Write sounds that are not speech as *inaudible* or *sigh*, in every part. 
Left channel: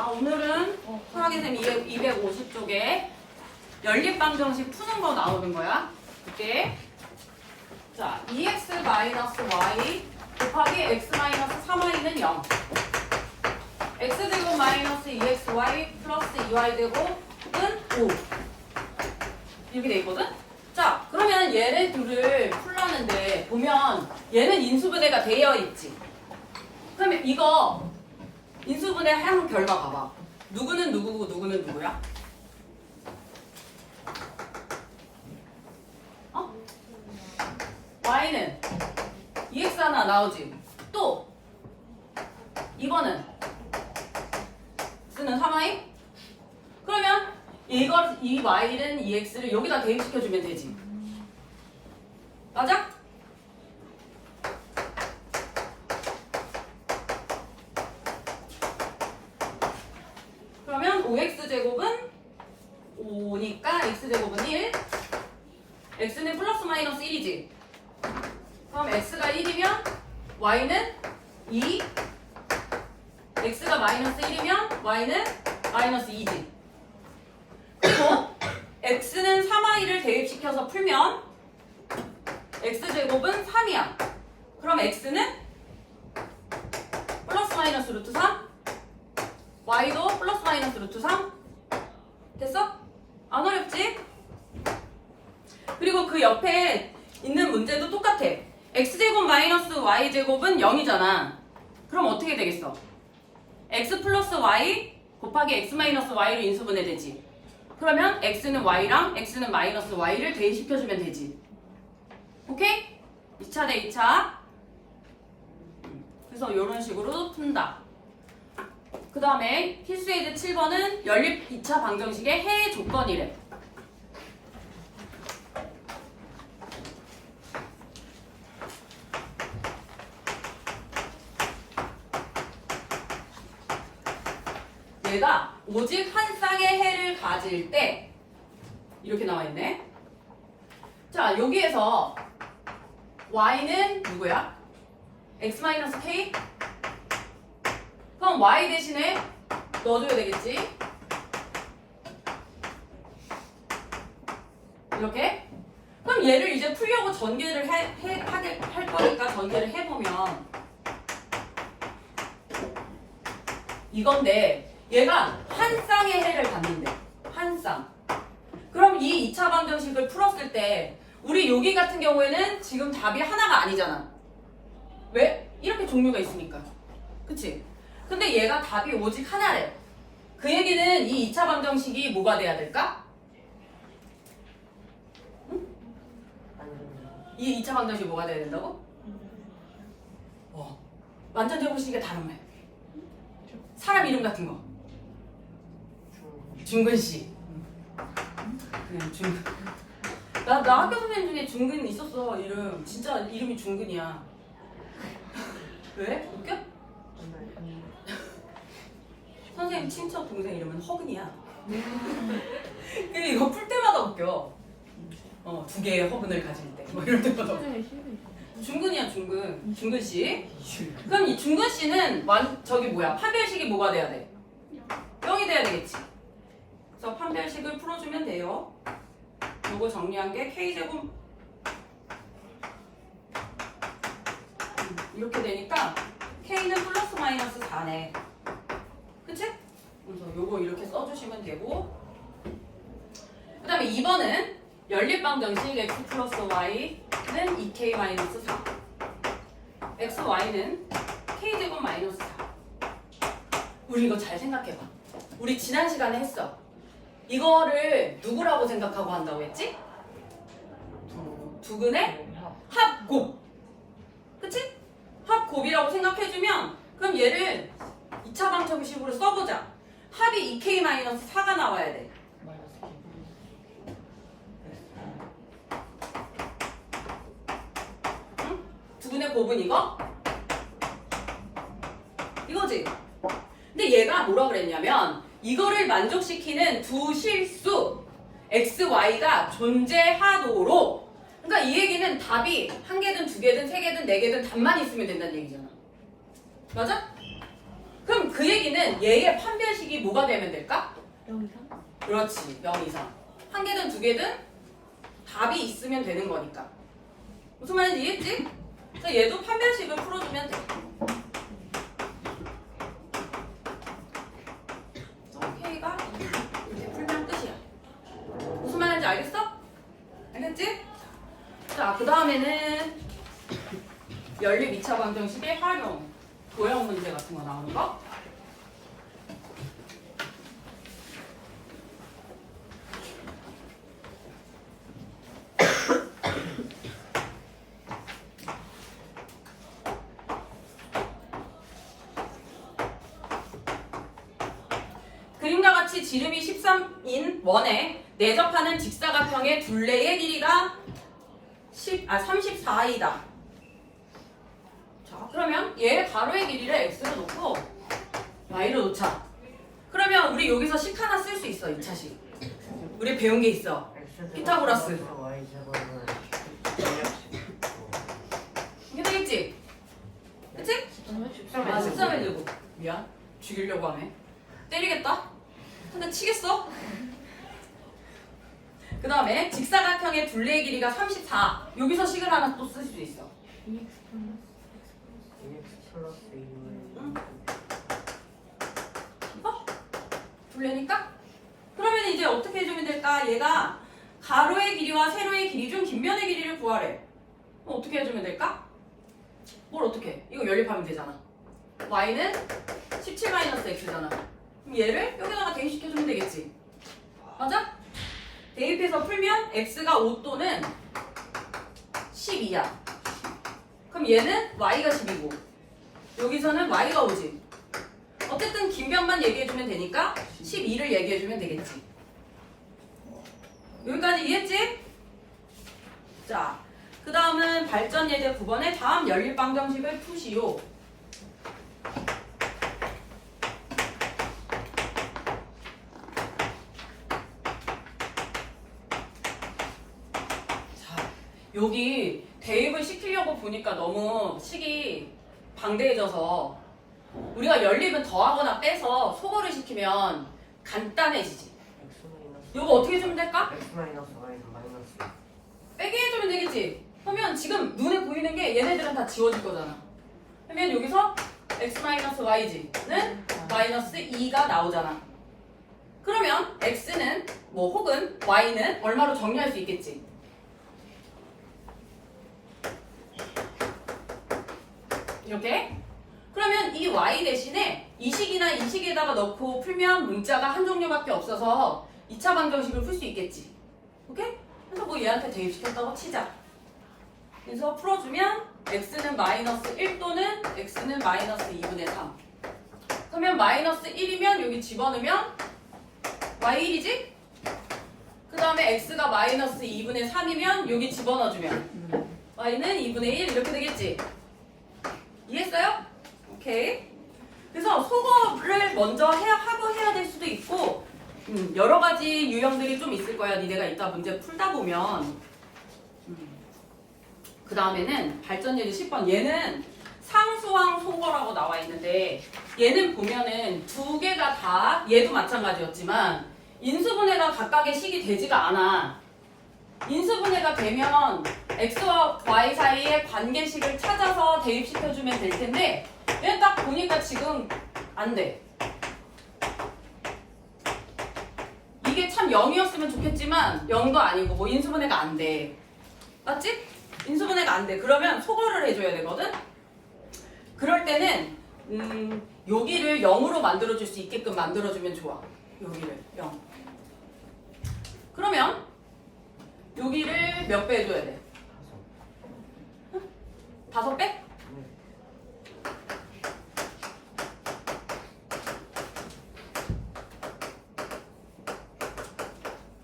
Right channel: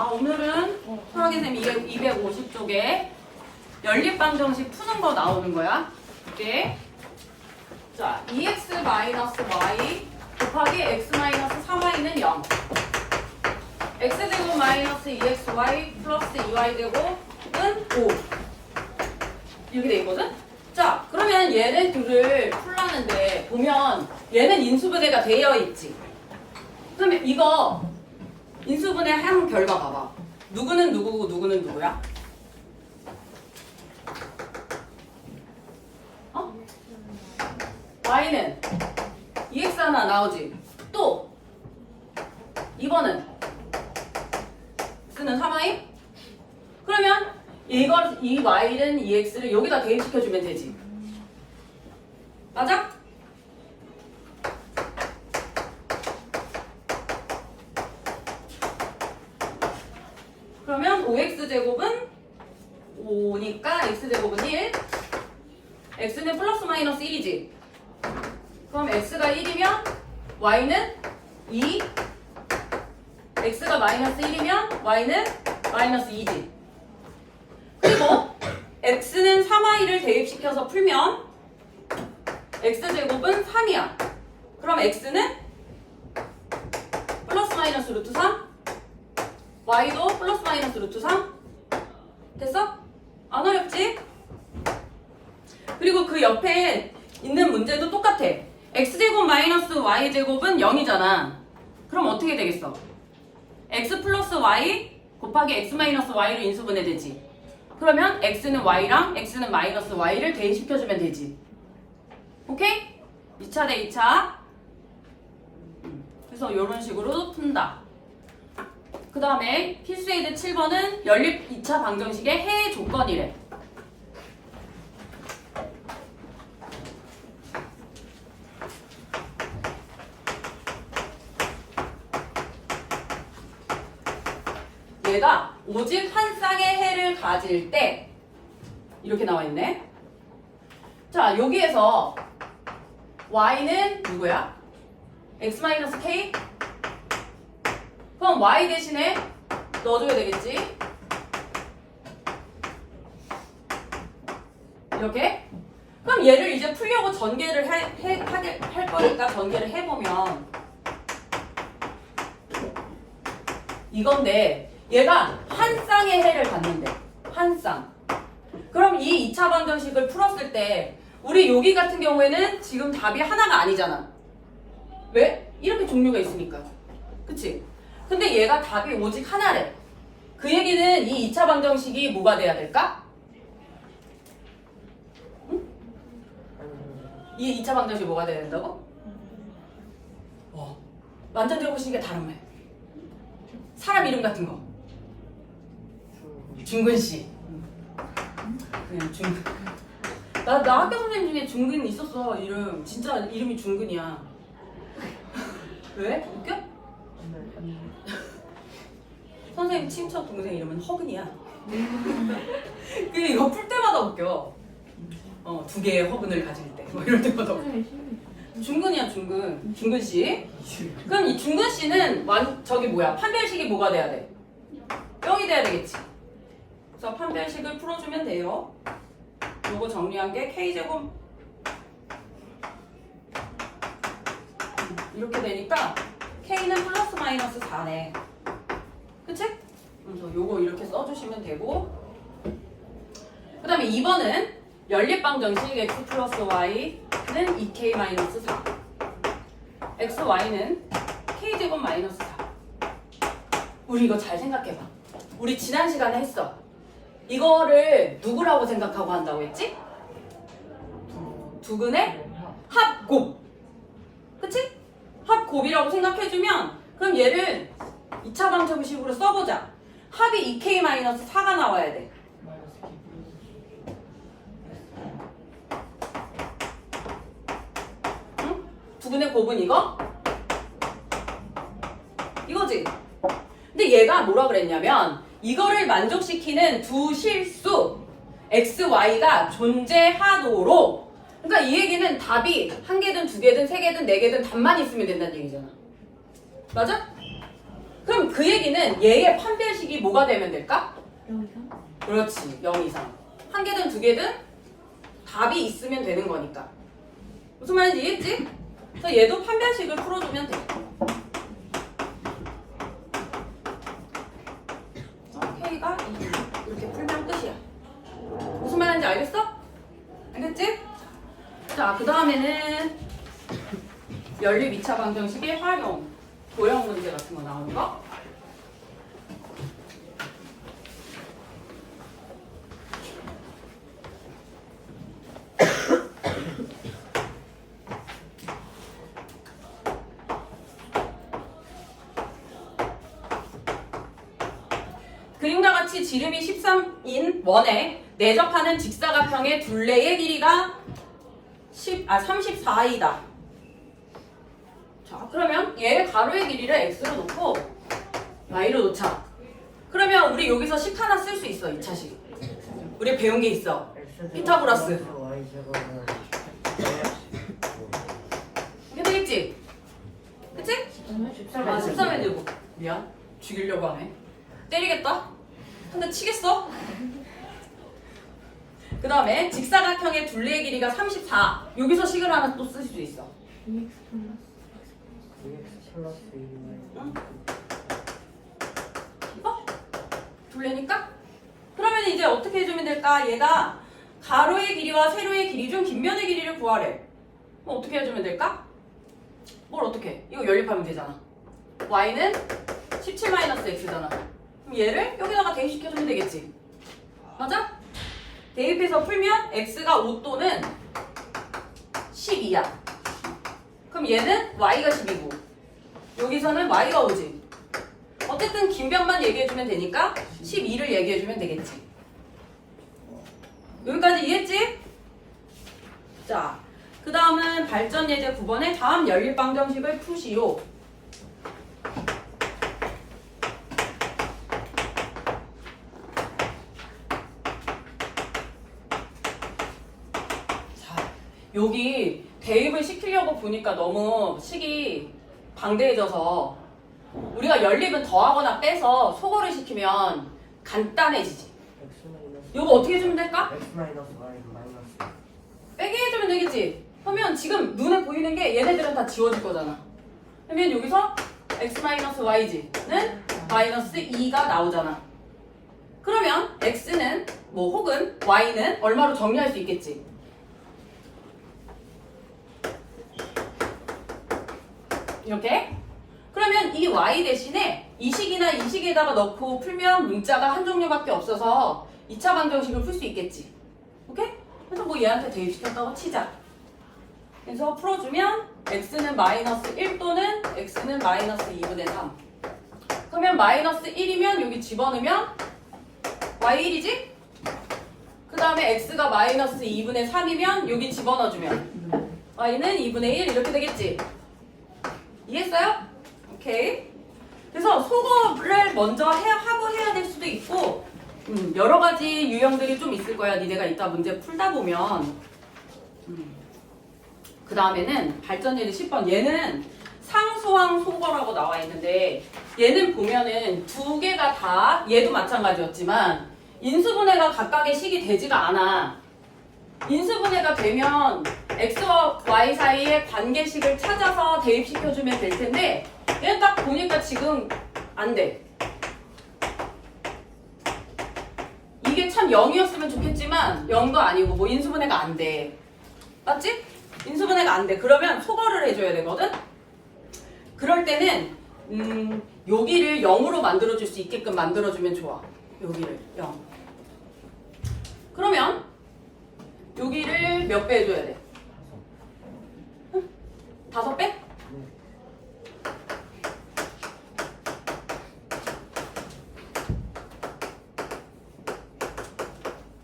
자, 오늘은 수학의 쌤 250쪽에 연립방정식 푸는 거 나오는 거야. 이게 자, 2x 마이너스 y 곱하기 x 마이너스 3y는 0. x제곱 마이너스 2xy 플러스 2y 제곱은 5. 이렇게 돼 있거든? 자, 그러면 얘네 둘을 풀라는데 보면 얘는 인수분해가 되어 있지. 그러면 이거 인수분해 한 결과 봐봐. 누구는 누구고 누구는 누구야? 어? y는 2x 하나 나오지. 또 2번은 x는 3y? 그러면 이걸 이 y는 2x를 여기다 대입시켜 주면 되지. 맞아? 그러면 5x제곱은 5니까 x제곱은 1 x는 플러스 마이너스 1이지. 그럼 x가 1이면 y는 2 x가 마이너스 1이면 y는 마이너스 2지. 그리고 x는 3y를 대입시켜서 풀면 x제곱은 3이야. 그럼 x는 플러스 마이너스 루트 3 y도 플러스 마이너스 루트 3 됐어? 안 어렵지? 그리고 그 옆에 있는 문제도 똑같아 x제곱 마이너스 y제곱은 0이잖아 그럼 어떻게 되겠어? x 플러스 y 곱하기 x 마이너스 y로 인수분해 되지 그러면 x는 y랑 x는 마이너스 y를 대입시켜주면 되지 오케이? 2차 대 2차 그래서 이런 식으로 푼다 그 다음에 필수에이드 7번은 연립 2차 방정식의 해외 조건이래. 얘가 오직 한 쌍의 해를 가질 때 이렇게 나와 있네. 자, 여기에서 y는 누구야? x-k 그럼 y 대신에 넣어줘야 되겠지? 이렇게? 그럼 얘를 이제 풀려고 전개를 해, 해, 하게, 할 거니까 전개를 해보면 이건데 얘가 한 쌍의 해를 갖는데 한 쌍. 그럼 이 2차 방정식을 풀었을 때 우리 여기 같은 경우에는 지금 답이 하나가 아니잖아. 왜? 이렇게 종류가 있으니까. 그치? 근데 얘가 답이 오직 하나래. 그 얘기는 이 2차 방정식이 뭐가 돼야 될까? 응? 이 2차 방정식이 뭐가 돼야 된다고? 어. 완전 제곱식이 다른 말. 사람 이름 같은 거. 중근 씨. 그냥 중근. 나, 나 학교 선생님 중에 중근 있었어, 이름. 진짜 이름이 중근이야. *laughs* 왜? 웃겨? 선생님 친척 동생 이름은 허근이야. *laughs* 그 이거 풀 때마다 웃겨. 어, 두 개의 허근을 가질 때. 뭐 이럴 때마다 웃겨. 중근이야, 중근. 중근 씨. 그럼 이 중근 씨는 완, 저기 뭐야? 판별식이 뭐가 돼야 돼? 0이 돼야 되겠지. 그래서 판별식을 풀어주면 돼요. 요거 정리한 게 K제곱 음, 이렇게 되니까 K는 플러스 마이너스 4네. 그치? 그래서 요거 이렇게 써주시면 되고 그 다음에 2번은 연립방정식 x 플러스 y는 2k 마이너스 4 x, y는 k제곱 마이너스 4 우리 이거 잘 생각해봐 우리 지난 시간에 했어 이거를 누구라고 생각하고 한다고 했지? 두근의 합곱 그치? 합곱이라고 생각해주면 그럼 얘를 2차 방정식으로 써보자. 합이 2k-4가 나와야 돼. 응? 두근의 곱은 이거? 이거지? 근데 얘가 뭐라 그랬냐면 이거를 만족시키는 두 실수 x, y가 존재하도록 그러니까 이 얘기는 답이 한 개든 두 개든 세 개든 네 개든 답만 있으면 된다는 얘기잖아. 맞아? 그럼 그 얘기는 얘의 판별식이 뭐가 되면 될까? 그렇지 0 이상 한 개든 두 개든 답이 있으면 되는 거니까 무슨 말인지 이해했지? 그래서 얘도 판별식을 풀어주면 돼 어, K가 이렇게 풀면 끝이야 무슨 말인지 알겠어? 알겠지? 자그 다음에는 연립 2차 방정식의 활용 도형 문제 같은 거 나오는 거 같이 지름이 13인 원에 내접하는 직사각형의 둘레의 길이가 10, 아, 34이다. 자, 그러면 얘 가로의 길이를 x로 놓고 y로 놓자. 그러면 우리 여기서 식 하나 쓸 수 있어, 2차식. 우리 배운 게 있어. 피타고라스. 이게 되겠지? 그치? 아, 13에 들고. 미안. 죽이려고 하네. 때리겠다? 한 대 치겠어? 그 다음에 직사각형의 둘레의 길이가 34. 여기서 식을 하나 또 쓸수 있어. 이거? 둘레니까? 그러면 이제 어떻게 해주면 될까? 얘가 가로의 길이와 세로의 길이 중 긴 면의 길이를 구하래. 그럼 어떻게 해주면 될까? 뭘 어떻게? 해? 이거 연립하면 되잖아. y는 17-x잖아. 그럼 얘를 여기다가 대입시켜주면 되겠지. 맞아? 대입해서 풀면 x가 5 또는 12야. 그럼 얘는 y가 10이고 여기서는 y가 5지. 어쨌든 긴 변만 얘기해주면 되니까 12를 얘기해주면 되겠지. 여기까지 이해했지? 자, 그 다음은 발전 예제 9번의 다음 연립 방정식을 푸시오. 자, 여기 대입을 시키려고 보니까 너무 식이 방대해져서 우리가 연립은 더하거나 빼서 소거를 시키면 간단해지지. 이거 어떻게 해주면 될까? 빼게 해주면 되겠지. 그러면 지금 눈에 보이는 게 얘네들은 다 지워질 거잖아. 그러면 여기서 x-yz는 마이너스 2가 나오잖아. 그러면 x는 뭐 혹은 y는 얼마로 정리할 수 있겠지. 이렇게. 그러면 이 y 대신에 이 식이나 이 식에다가 넣고 풀면 문자가 한 종류밖에 없어서 2차 방정식을 풀 수 있겠지. 오케이? 그래서 뭐 얘한테 대입시켰다고 치자. 그래서 풀어주면 x는 마이너스 1 또는 x는 마이너스 2분의 3. 그러면 마이너스 1이면 여기 집어넣으면 y1이지? 그 다음에 x가 마이너스 2분의 3이면 여기 집어넣어주면 y는 2분의 1 이렇게 되겠지? 이해했어요? 오케이. 그래서 소거를 먼저 해야 하고 해야 될 수도 있고 음, 여러 가지 유형들이 좀 있을 거야. 니네가 이따 문제 풀다 보면. 그 다음에는 발전 예제 10번. 얘는 상수항 소거라고 나와 있는데 얘는 보면은 두 개가 다 얘도 마찬가지였지만 인수분해가 각각의 식이 되지가 않아. 인수분해가 되면 x와 y 사이의 관계식을 찾아서 대입시켜주면 될 텐데 얘는 딱 보니까 지금 안 돼. 이게 참 0이었으면 좋겠지만 0도 아니고 뭐 인수분해가 안 돼. 맞지? 인수분해가 안 돼. 그러면 소거를 해줘야 되거든? 그럴 때는 음, 여기를 0으로 만들어줄 수 있게끔 만들어주면 좋아. 여기를 0. 그러면 여기를 몇 배 해줘야 돼? 응? 다섯 배?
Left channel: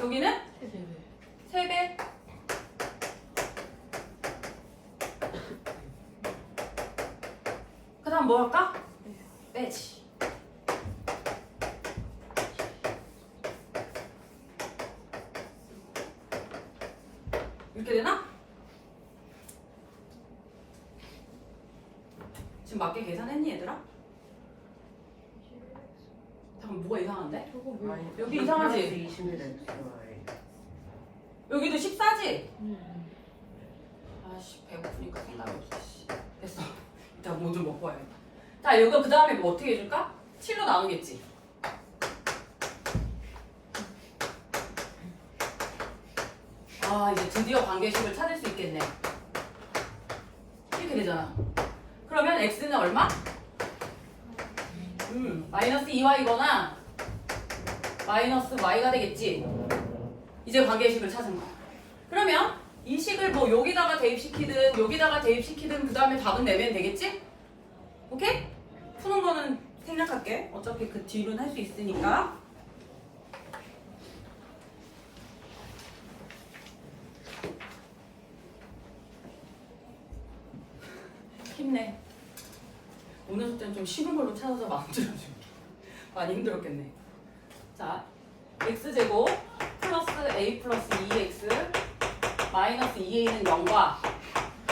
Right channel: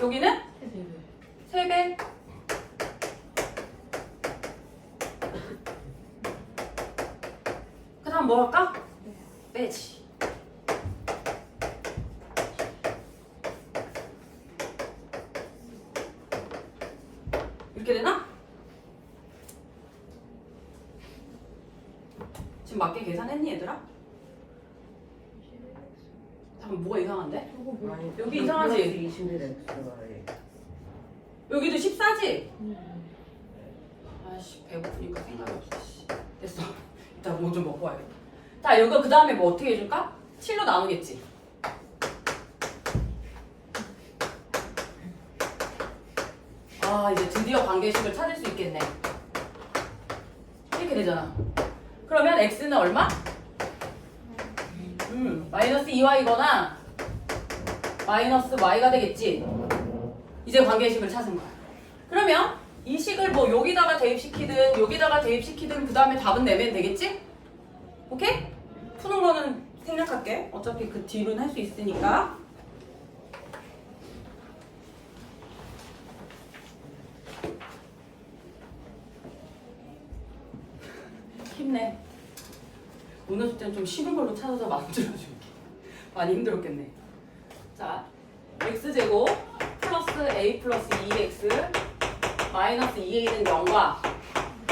여기는 세 배. 그 다음 뭐 할까? 빼지. 이렇게 되나? 지금 맞게 계산했니 얘들아? 잠깐 뭐가 이상한데? 여기 이상하지? 21 X와의 여기도 14지? 아씨 배고프니까 생각이 없어 씨. 됐어 일단 뭐 좀 먹고 와야겠다 자 이거 그 다음에 뭐 어떻게 해줄까? 7로 나누겠지 아 이제 드디어 관계식을 찾을 수 있겠네 이렇게 되잖아 그러면 x는 얼마? 음 마이너스 2y거나 마이너스 y가 되겠지 이제 관계식을 찾은 거야 그러면 이 식을 뭐 여기다가 대입시키든 여기다가 대입시키든 그 다음에 답은 내면 되겠지? 오케이? 푸는 거는 생략할게. 어차피 그 뒤로는 할 수 있으니까. 힘내. 오늘 숙제는 좀 쉬운 걸로 찾아서 만들어줄게. *laughs* 많이 힘들었겠네. 자, x제곱 플러스 a 플러스 2x 마이너스 2a는 0과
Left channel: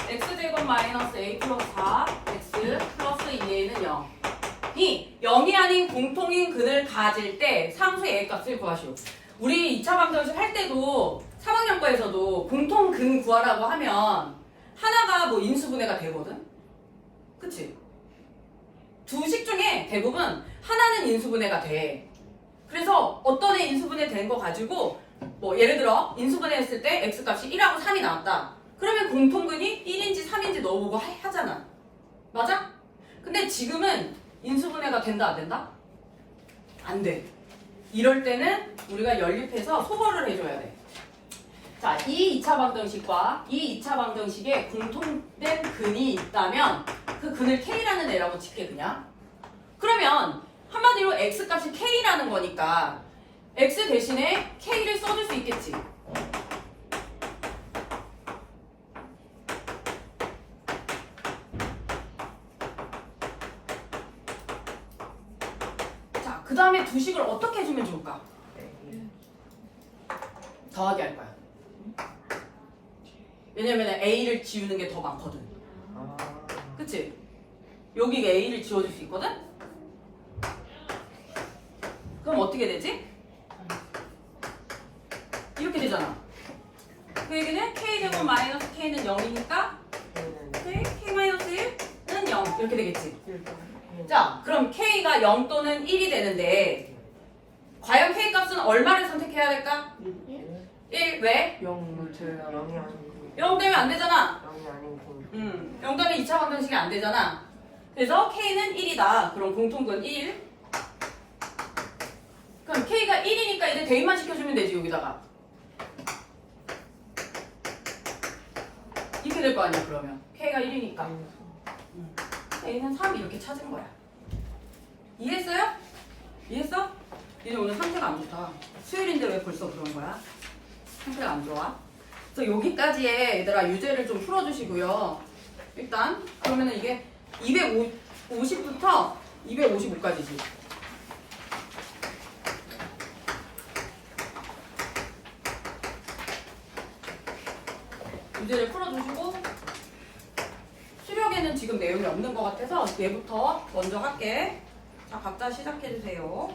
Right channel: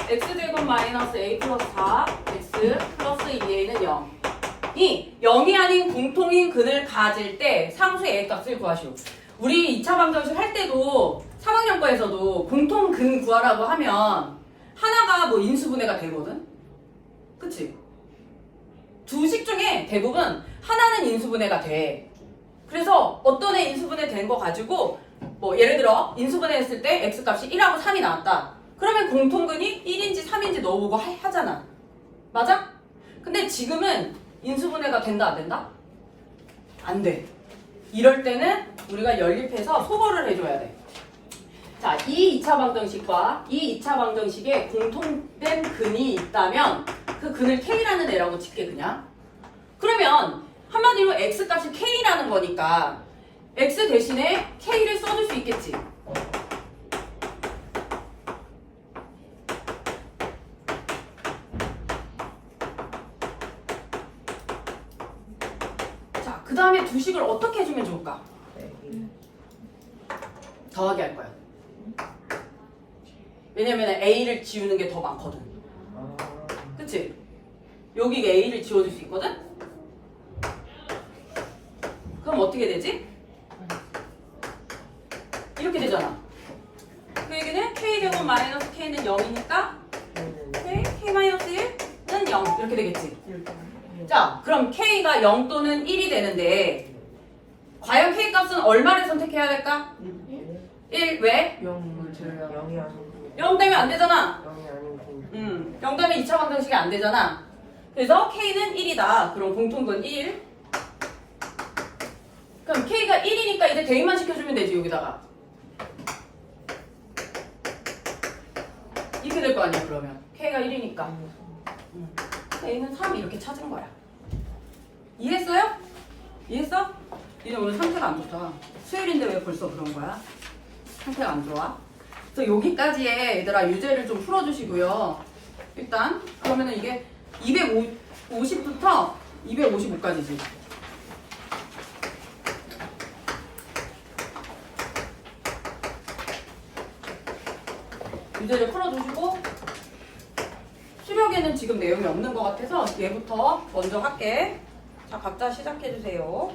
x제곱 마이너스 a 플러스 4 x 플러스 2a는 0 이 0이 아닌 공통인 근을 가질 때 상수의 a 값을 구하시오 우리 2차 방정식 할 때도 3학년 거에서도 공통 근 구하라고 하면 하나가 뭐 인수분해가 되거든 그치? 두 식 중에 대부분 하나는 인수분해가 돼 그래서 어떤 애 인수분해 된 거 가지고 뭐 예를 들어 인수분해 했을 때 x값이 1하고 3이 나왔다. 그러면 공통근이 1인지 3인지 넣어보고 하, 하잖아. 맞아? 근데 지금은 인수분해가 된다 안 된다? 안 돼. 이럴 때는 우리가 연립해서 소거를 해줘야 돼. 자, 이 2차 방정식과 이 2차 방정식에 공통된 근이 있다면 그 근을 K라는 애라고 칠게 그냥. 그러면 한마디로 X값이 K라는 거니까 X 대신에 K를 써줄 수 있겠지. 자, 그 다음에 두 식을 어떻게 해주면 좋을까? 더하게 할 거야. 왜냐면 A를 지우는 게 더 많거든. 그치? 여기가 A를 지워줄 수 있거든? 그럼 어떻게 되지? 이렇게 되잖아. 그 얘기는 K제곱 마이너스 K는 0이니까 K, K-1은 0 이렇게 되겠지? 자, 그럼 K가 0 또는 1이 되는데 과연 K값은 얼마를 선택해야 될까? 1 왜? 0을 제외하고 0 빼면 안 되잖아. 0이 아닌 0 다음에 2차 방정식이 안 되잖아. 그래서 K는 1이다. 그럼 공통근 1. 그럼 K가 1이니까 이제 대입만 시켜주면 되지, 여기다가. 이렇게 될 거 아니야, 그러면. K가 1이니까. 음, K는 3 이렇게 찾은 거야. 이해했어요? 이해했어? 이제 오늘 상태가 안 좋다. 수요일인데 왜 벌써 그런 거야? 상태가 안 좋아? 그래서 여기까지의 얘들아 유제를 좀 풀어주시고요. 일단 그러면은 이게 250부터 255까지지. 유제를 풀어주시고 수력에는 지금 내용이 없는 것 같아서 얘부터 먼저 할게. 자 각자 시작해주세요.